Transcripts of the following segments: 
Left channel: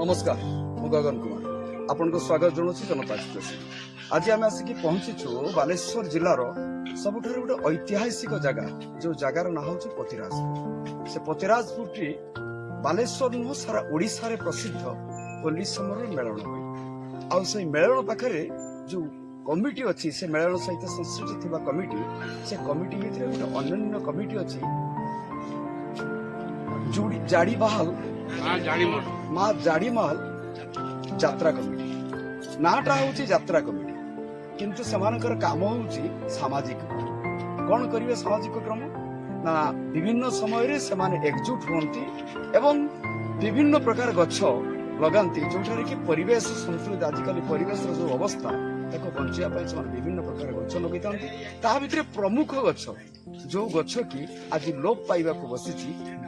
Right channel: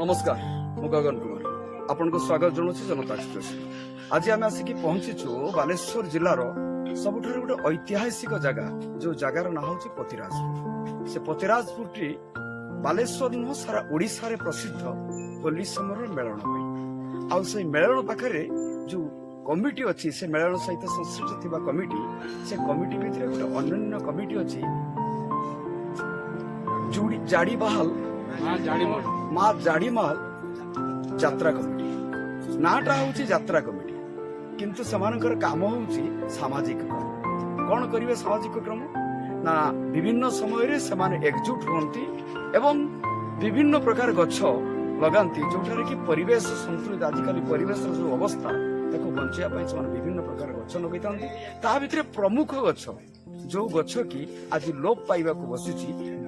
नमस्कार मु गगन कुमार आपन को स्वागत जनाऊँ जनता एक्सप्रेस। आज आम आसिक पहुंचीचु बालेश्वर जिलार सबुठ गोटे ऐतिहासिक जगह जो जगार ना हूँ पतिराजपुर। से पतिराजपुर टी बालेश्वर नुह सारा ओडिशा रे प्रसिद्ध होली समय मेलन आउ से मेलन पाखे जो कमिटी अच्छी से मेलन सहित संश्लिष्ट थिबा कमिटी से कमिटी भितर गोटे अन्य कमिटी अच्छी जाड़ी बहाल माँ जाड़ीमहल यात्रा कमिटी नाटा हूँ यात्रा कमिटी किंतु सेमानकर काम हूँ सामाजिक क्रम। कौन करिवे सामाजिक क्रम ना विभिन्न समय से एकजुट होती एवं विभिन्न प्रकार गछ लगाती जोठारे कि परिवेश संतुलित आजिकल परिवेश जो अवस्था ताको बंचाइबा से विभिन्न प्रकार गछ लगे ता भितर प्रमुख गछ जो गछ कि आज लोप पाइबा बसी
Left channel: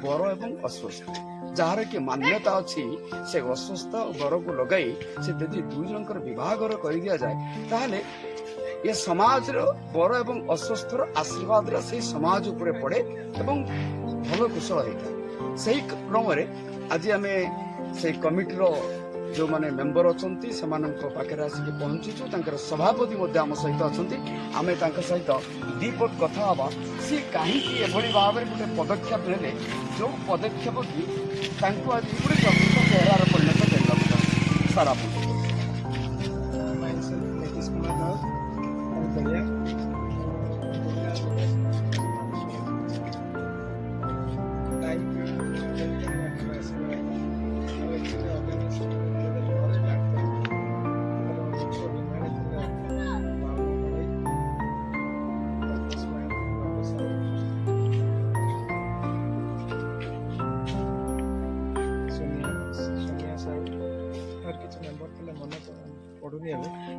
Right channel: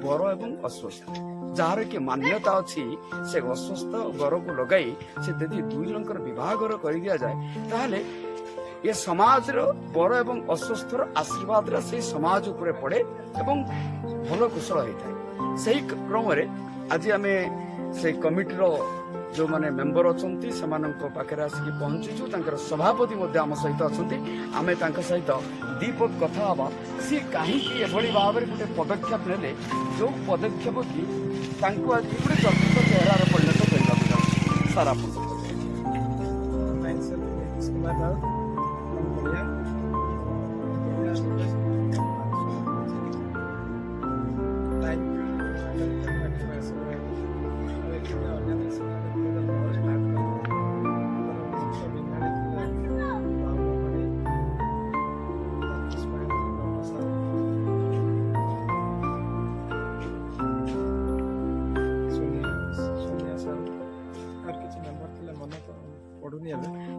बर एवं अश्वस्थ जार कि मान्यता अच्छी से अश्वस्थ बर को लगाई से यदि दुई जनकर विवाहर कर दिया जाए ताहले ये समाज बर एवं अश्वस्थ आशीर्वाद से समाज उपरे पड़े एवं भल कुशल होता है। से क्रम आज आम से कमिटी जो माने मेंबर अच्छी से पाखे आसिक पहुंचीचु सभापति आम सहित अच्छा आम सहित दीपक कथा हवा सी कहीं भाव में गोटे पदक्षेप ने जो पदक्षेप कि आज गोटे चर्चित चेहरार परिणत करने सार आप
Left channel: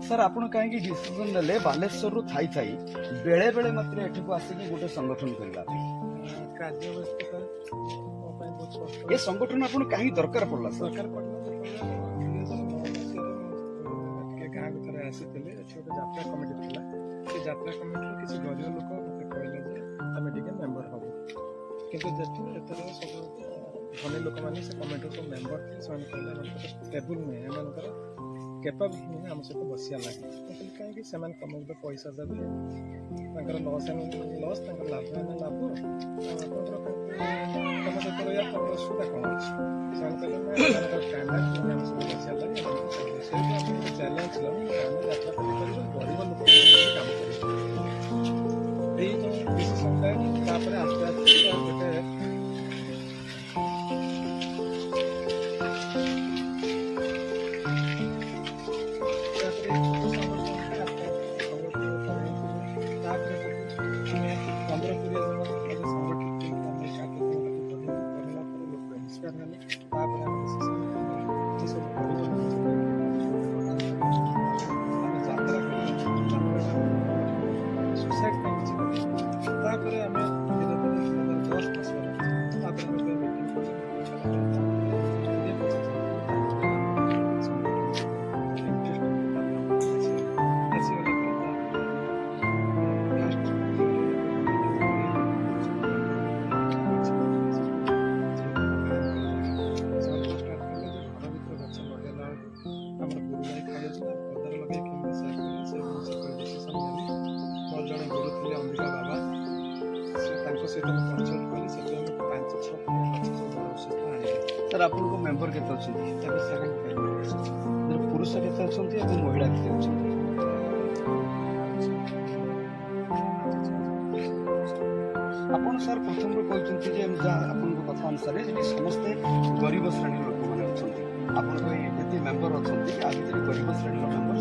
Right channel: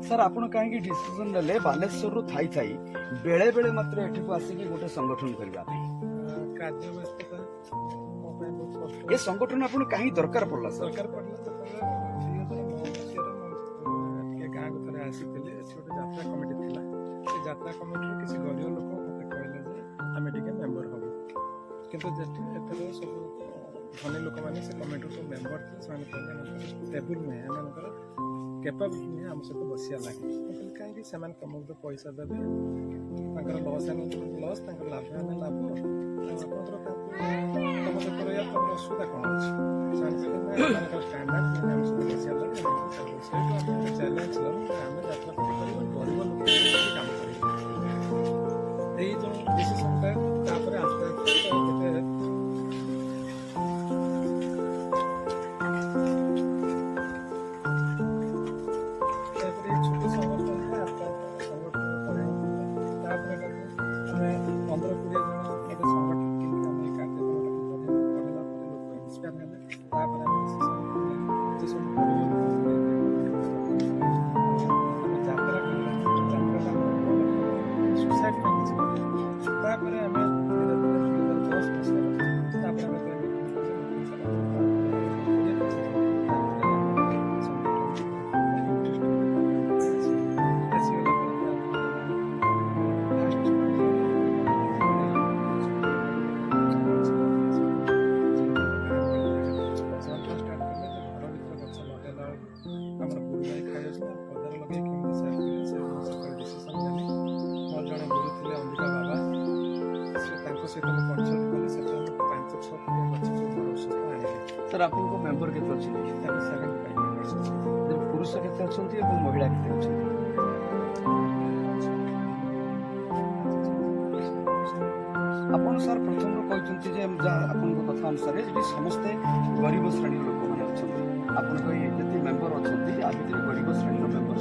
सर आप कहीं डिसीजन ले बालेश्वर थाई थाई बेले बेले मात्र एठी को आसिक गोटे संगठन करबा ये संगठन आपन कहीं दरकार पड़ला सर गाँ को थे आसी गोटे यात्रा कमिटी थी से यात्रा कमिटी किसी गरीब लोक मत कहले आम मेम्बर हबू किंतु एथर सब धनी लोक मैंने से कमिटी सब मेम्बर थे से कहले टेबुल नुहे एम कैपेबिलिटी नुहे आम सहित बसिया लगे कहली कहीं तुमको पैसा देवे लस लस लाभ आने लाभ तुम सहित रहा तुम असुविधा कौन अच्छे कहले स्टांडर्ड आम सब बसिया लगे चैलेंज आम यात्रा कर गरीब लोक काम कर जो डिसीजनटा आस्ते आस्ते गोटे सर आप मेम्बर के पुरुष के महिला के आपन सर प्रथम कहते कथा अनुसार समस्ते गरीब श्रेणी लोक मैंने अच्छा आपन मेम्बर अच्छा गरीब श्रेणी मेम्बर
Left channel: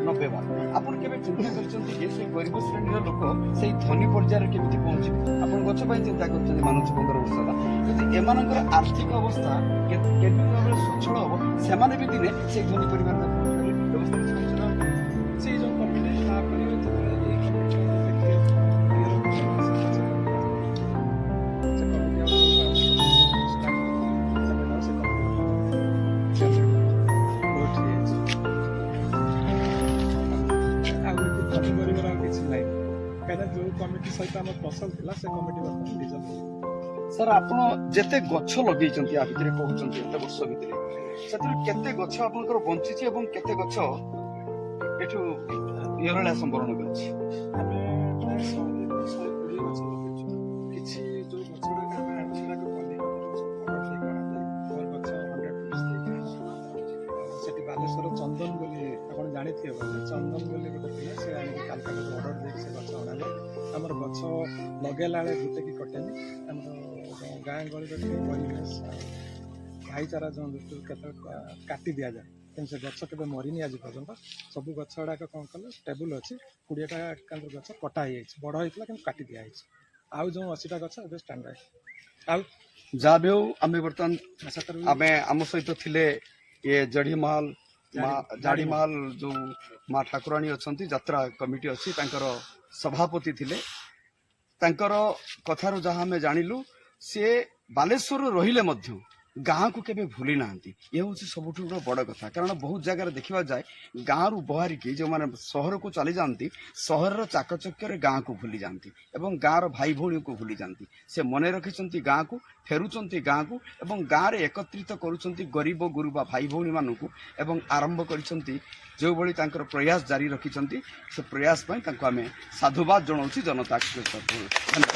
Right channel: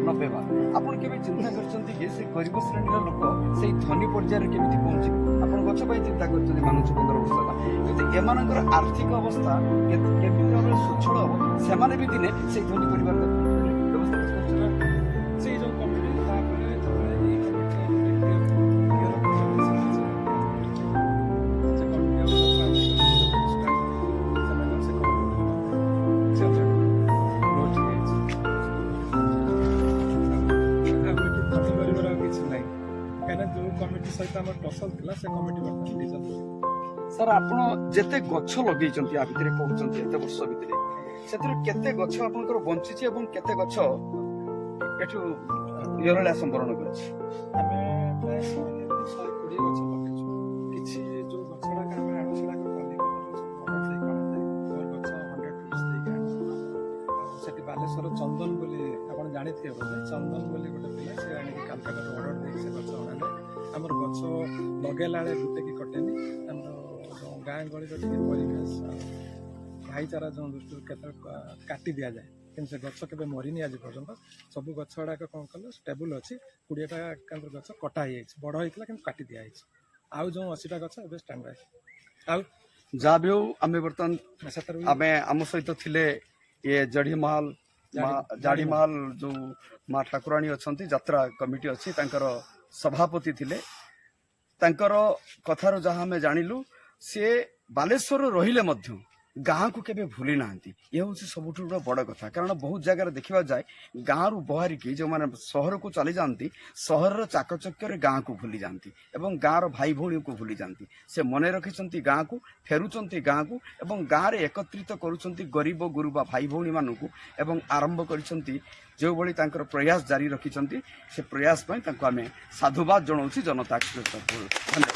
90 भाग आपन केबे चिंता करछंती जे से गरीब श्रेणी लोक से धनी पर्यायर केमिति पहुंचे आपन गछ पई चिंता करछंती मानुछ 15 वर्ष होला किंतु एमानकर आर्थिक अवस्था केमिति भाबे सुछळ हो से माने भी दिने से धनी परिवार व्यवस्था करछन से जो कमिटी तापरे जतले ए कमिटी क्लियर से कमिटी आउ स्टार्ट से से कमिटी जनरल नोट धनी गरीब किसी ना कहीं जो कमिटी सहित आम टसल थी से कमिटी बर्तमान डिजल्व ସାର୍ ଆପଣ ଯେତେ ଗଛ ଲଗେଇଛନ୍ତି ଆ ଭିତରେ କହୁଛନ୍ତି ଏତେ ବର୍ଷ ଭିତରେ ସେଥିରୁ କେତେ ଗଛ ଆପଣଙ୍କର ବଞ୍ଚିଛି ଏବଂ କେତେ ଗଛ ଏଠୁ ଇହଲୀଳା ସମ୍ବରଣ କରିଛି? ଆମେ ପ୍ରାୟ 100-120 ଗଛ ଲଗେଇଛୁ। କିଛି ଯୋଉ ଗଛ ଗୁଡାକ ଆମେ ଆଣୁ ସେଟାକୁ କଲିକତାରୁ ସବୁ ଅର୍ଡର ଦେଇ କରାଯାଏ। ମୋର ଗଛ 100 ପିସ୍ ଦେଇକି ଆଣୁ। ଆଉ ସେଠି ବାଲେଶ୍ୱର ଚନ୍ଦନ ବୋଲି ଆପଣ ଜାଣିଥିବେ ବୋଧେ, ଚନ୍ଦନ ବୋଲି ଗୋଟେ ପିଲା, ସେ ଆଣିକି କାଲକାଟାରୁ ଅର୍ଡର ଦେଇକି ସେ ଗଛ ଅଣାଯାଏ। ଆମର ଗଛ ଲଗେଇଲା ବେଳେ ଗୋଟେ କି କଟେନି। ଆମର ଯୋଉ ଗାଁ ଗହଳିର ଟିକେ ପରିବେଶ ଆଉ ଭାଇଚାରା ଯୋଉ ଦୃଷ୍ଟିରୁ କେତେବେଳେ କାଟି ଦିଆଯାଏ, କିନ୍ତୁ ସେ ଗଛ କେବେ ମରିନି ଆଜି ପର୍ଯ୍ୟନ୍ତ। ସବୁ ଗଛ ଗୁଡାକ କ'ଣ କଲେ ଷ୍ଟେବୁଲ୍ ଅଛି। 20ଟା କେନ୍ଦ୍ର ଗଛ କଟା ହେଇଯାଇଛି, ବଡ଼ ହେଇଥିଲା କିନ୍ତୁ କାଟି ଦିଆହେଇଛି। ଆଉ ଯୋଉ 80ଟା ଗଛ ଏବେ ଷ୍ଟାଣ୍ଡ ବାଇ। ଆଉ ଯାହା ବି ହଉ ଆମେ ବର୍ତ୍ତମାନ ସେଥିରୁ ଆମେ ଆମ ସହିତ ଥିଲେ ଇଏ ଜଡ଼ିମାଲ ଜାଡ଼ିମାଲ ଯୋଉ ମା ଠାକୁରାଣୀ ଅଛନ୍ତି, ଯାତ୍ରା କମିଟି ଅଛି, ତାଙ୍କର ସଭାପତି ଥିଲେ। ତାଙ୍କର କଥାରୁ ଯାହା ଆମେ ଜାଣିଲୁ, ସିଏ ବାଲେଶ୍ୱରରେ ରହିଲେ ମଧ୍ୟ ଗାଁକୁ କେବେ ଭୁଲି ନାହାନ୍ତି। ଏ ହେଉଛି ସବୁଠୁ ବଡ଼ କଥା। କାରଣ ବହୁତ ଜାଗାରେ ଦେଖିବାକୁ ଯାଏ ଗାଁରୁ ବହାରିକି ଯେଉଁମାନେ ସହରକୁ ଚାଲିଯାଆନ୍ତି, ସହରର ଚାକଚକ୍ୟରେ ଗାଁକୁ ଭୁଲି ଯାଆନ୍ତି ଏବଂ ଗାଁର ଭାଇ ଭଉଣୀକୁ ଭୁଲି ଯାଆନ୍ତି। ସେ ମନେ ରଖିଛନ୍ତି ଗାଁକୁ, ଫେରୁଛନ୍ତି ଗାଁକୁ ଏବଂ ଗାଁରେ ଏକତ୍ରିତ କରୁଛନ୍ତି ଗରିବ ଗୁରୁବା ଭାଇ ଭଉଣୀମାନଙ୍କୁ ଏବଂ ଆରମ୍ଭ କରିଛନ୍ତି ଯେଉଁଭଳି ତାଙ୍କର ପ୍ରୟାସ ଜାରି ରଖିଛନ୍ତି। ସେ ପ୍ରୟାସ ପାଇଁ ତାଙ୍କୁ ଆମେ ସାଧୁବାଦ ଜଣାଉଛି ଜନତା ଏକ୍ସପ୍ରେସ୍ ତରଫରୁ। ଧନ୍ୟବାଦ।